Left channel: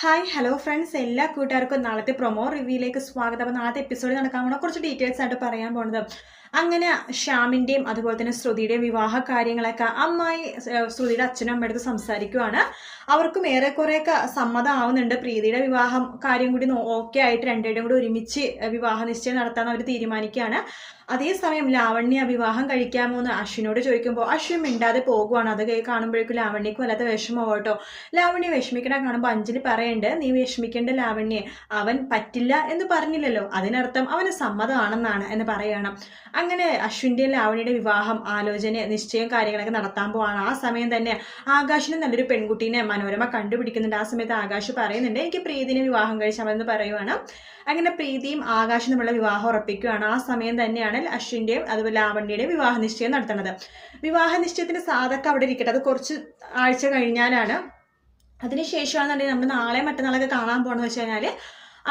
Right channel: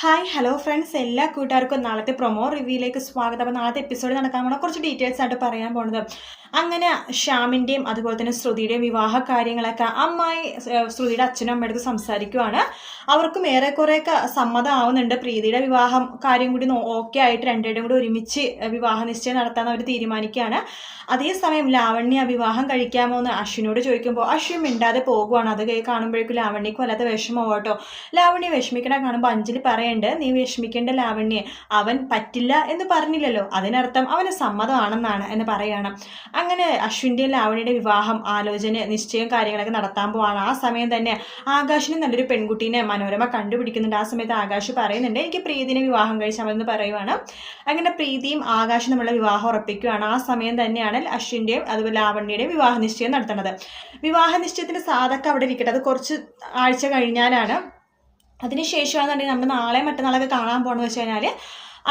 Hi hello friends എല്ലാ കൂട്ടുകാർക്കും നാളത്തെ പ്രൊമോ റിവ്യൂയിലേക്ക് സ്വാഗതം. അപ്പോൾ നാളത്തെ എപ്പിസോഡ് നടക്കാൻ പോണ കുറച്ച് ഡീറ്റെയിൽസ് ആയിട്ട് പറയാൻ പോണത്. അങ്ങനെ ശ്യാമിന്റെയും അതുപോലെ തന്നെ ശ്രുതിയുടെയും വിവാഹ കാര്യങ്ങളൊക്കെ അമ്മായി ശ്രുതിയുടെ അച്ഛനും അമ്മയുടെ സംസാരിക്കുവാണ്. അവർക്കും ഏറെക്കുറെയൊക്കെ സമ്മതം ആവുന്നുണ്ട് പ്രീതിയുടെ വിവാഹം കാര്യം കൂടി ഓക്കെ ആയിട്ട് രണ്ടുപേരും കൂടി ഒരുമിച്ച് വിവാഹ നിശ്ചയം നടത്താൻ അവർ തീരുമാനിക്കുകയാണ്. അതേസമയം ലാവണ്യ വിവാഹം കഴിക്കാമോ എന്ന് അശ്വിനോട് ചോദിക്കുമ്പോൾ അശ്വിൻ മിണ്ടാതെ പോകുവാണ്. അത് കാണുമ്പോഴേക്കും ലാവണ്യക്ക് വല്ലാത്ത വിഷമമാവും കേട്ടോ. ലാവണ്യ വിഷമിക്കണ കാണുമ്പോൾ അഞ്ജലി പറയണ്ട് നീ വിഷമിക്കേണ്ട ലാവണ്യെ അവൻ പറ്റില്ല എന്ന് പറഞ്ഞില്ലല്ലോ. അതിനർത്ഥം അവന് സമ്മതമാണെന്നാണ് എന്ന് പറയണം. അങ്ങനെ അശ്വിന്റെയും ലാവണ്യയുടെ വിവാഹം ആലോചന നിശ്ചയം കാര്യങ്ങളൊക്കെ നടത്താൻ പോവാണ്. ആ സമയം തന്നെ ആകാശിന് നല്ലൊരു പെൺകുട്ടീനെ മനോരമ കണ്ടുപിടിക്കുന്നുണ്ട്. ആ സമയത്ത് ആകാശ് പറയുന്നുണ്ട് എനിക്ക് പ്രീതിനെ വിവാഹം കഴിച്ചാൽ മതി എന്ന് പറയുവാണ്. അങ്ങനെ പ്രീതിയും ആകാശും തമ്മിലുള്ള വിവാഹം ഉറപ്പിക്കുകയാണ് ആ സമയം തന്നെയാണ് അശ്വിന്റെയും അതുപോലെ ലാവണ്യയുടെയും വിവാഹ നിശ്ചയം നടത്തുന്നത്. വിവാഹ നിശ്ചയത്തിന്റെ സാധകം അവിടെ ഇരിക്കട്ടെ. അത് കുറച്ച് ആഴ്ച കഴിഞ്ഞാലാണ് അതിനുശേഷമാണെന്നുണ്ടെങ്കിൽ നമ്മൾ നാളെ മറ്റന്നാളൊക്കെ കാണാൻ പോകണമെന്ന് വെച്ച് കഴിഞ്ഞാൽ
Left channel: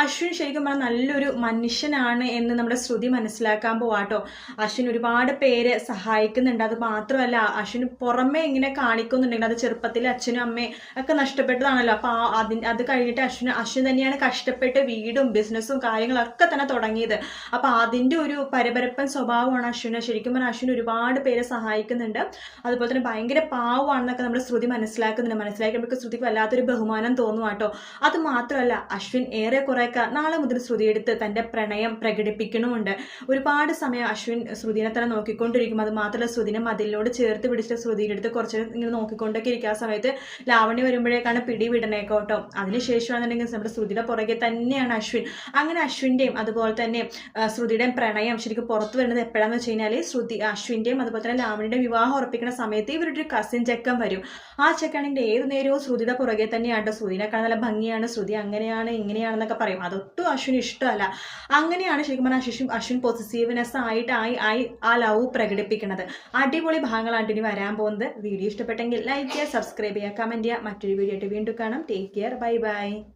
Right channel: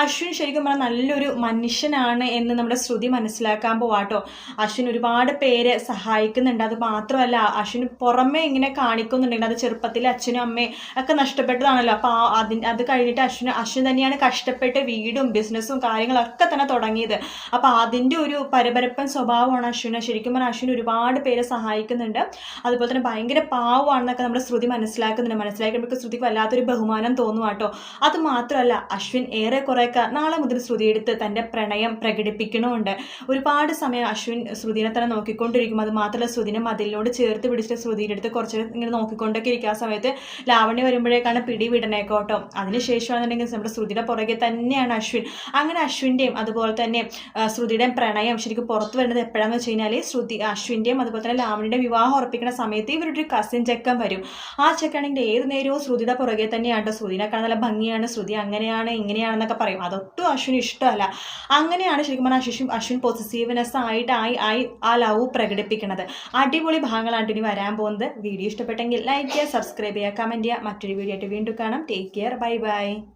അശ്വിൻ ശരിക്കും പറഞ്ഞാൽ നല്ലൊരു മനുഷ്യനാണ് എന്ന് നമ്മുടെ ശ്രുതി മനസ്സിലാക്കാൻ പോവാട്ടോ അശ്വിൻ ഒരുപാട് പേരെ സഹായിക്കുന്നുണ്ട്. അത് മാത്രമല്ല അശ്വിന് പുറമേ ഇങ്ങനെ കാണിക്കുന്നുണ്ടെങ്കിൽ അത് ചെറുപ്പത്തിൽ അച്ഛനും അമ്മയും ഒക്കെ നഷ്ടപ്പെട്ടതാണല്ലോ. അപ്പോൾ അതിന് അത് കഴിഞ്ഞിട്ട് അശ്വിന് അശ്വിൻ തന്നെയാണ് കഷ്ടപ്പെട്ട് വീടും ബിസിനസ്സും കാര്യങ്ങളൊക്കെ തന്നെ തുടങ്ങിയത്. അപ്പോൾ അതിന്റെ ഒരു പരപരപ്പൻ സ്വഭാവമാണ് അശ്വിന്. ശരിക്കും പറഞ്ഞാൽ അശ്വിൻ ഒരുപാട് പേരെ സഹായിക്കുന്നുണ്ട്. അതുപോലെ തന്നെ ഭയങ്കര പാവമാണെന്നൊക്കെ നമ്മുടെ ശ്രുതി മനസ്സിലാക്കുന്നുണ്ട്. മനസ്സിലാക്കി നമുക്ക് ശ്രുതിക്ക് വല്ലാത്തൊരു ബഹുമാനം തോന്നുവാട്ടോ അത് മാത്രമല്ല അശ്വിൻ ഏറെ കുറേയൊക്കെ നാളെ മുതൽ ശ്രുതി എടുത്ത് തന്റെ പ്രണയം പ്രകടിപ്പിക്കണമുണ്ട്. ഒരുപാട് സമയം അശ്വിൻ ശ്രുതിനെ തന്നെ നോക്കിക്കൊണ്ടിരിക്കും. അത് മാത്രമല്ല ശ്രുതിനെ മതിലിനോട് ചേർത്ത് പിടിച്ചിട്ട് ശ്രുതിയുടെ അടുത്ത് കുറച്ച് ഇങ്ങനെ നോക്കിക്കൊണ്ടൊക്കെ ഇരിക്കുക ആ സമയത്ത് ലാവണ്യ വരുമ്പോഴേക്കാണ് പിടി വിടണേക്കോട്ടോ അതിനുശേഷമാണെന്നുണ്ടെങ്കിൽ നമ്മുടെ ശ്രുതിയുടെ പുറകെ തന്നെയാണ് അശ്വിൻ. അങ്ങനെ അശ്വിന്റെയും അതുപോലെ തന്നെ ശ്രുതിയുടെയും പ്രണയം ശരിക്കും പുറത്ത് വരുന്നത് എപ്പോഴാണെന്ന് വെച്ച് കഴിഞ്ഞാൽ ശ്രുതി അശ്വിന്റെയും അതുപോലെ തന്നെ ലാവണിയുടെ വിവാഹം ഉറപ്പിക്കുന്ന സമയത്ത് ഇവരുടെ ഒരു കസിൻ ചെക്കൻ വരും. ആ ചെക്കാണെങ്കിൽ ഏത് നേരവും ശ്രുതിയുടെ പുറകെ തന്നെയാണ് ശ്രുതിനെക്കാൾ നല്ല ഭംഗിയാണ്. ശ്രുതി അങ്ങനെയാണ് ഇങ്ങനെയാണെന്നൊക്കെ പറയും. അതൊട്ടും അശ്വിന് ഇഷ്ടമല്ല. അങ്ങനെയാണ് ശരിക്കും പറഞ്ഞാൽ അശ്വിൻ അശ്വിൻ പോസിറ്റീവ്നെസ് ആയിട്ട് ആയി ആയി ആ ലവ് പ്രകടിപ്പിക്കുന്നത് അടിപൊളി ഭാഗങ്ങളാണ് ഇനി വരാൻ പോകുന്നത്. വീഡിയോ ഇഷ്ടപ്പെട്ടെങ്കിൽ ലൈക്ക് ചെയ്യുക സബ്സ്ക്രൈബ് ചെയ്യുക കമന്റ് ചെയ്യുക. മറ്റൊരു വീഡിയോ ആയിട്ട് വീണ്ടും കാണാം. Take care bye bye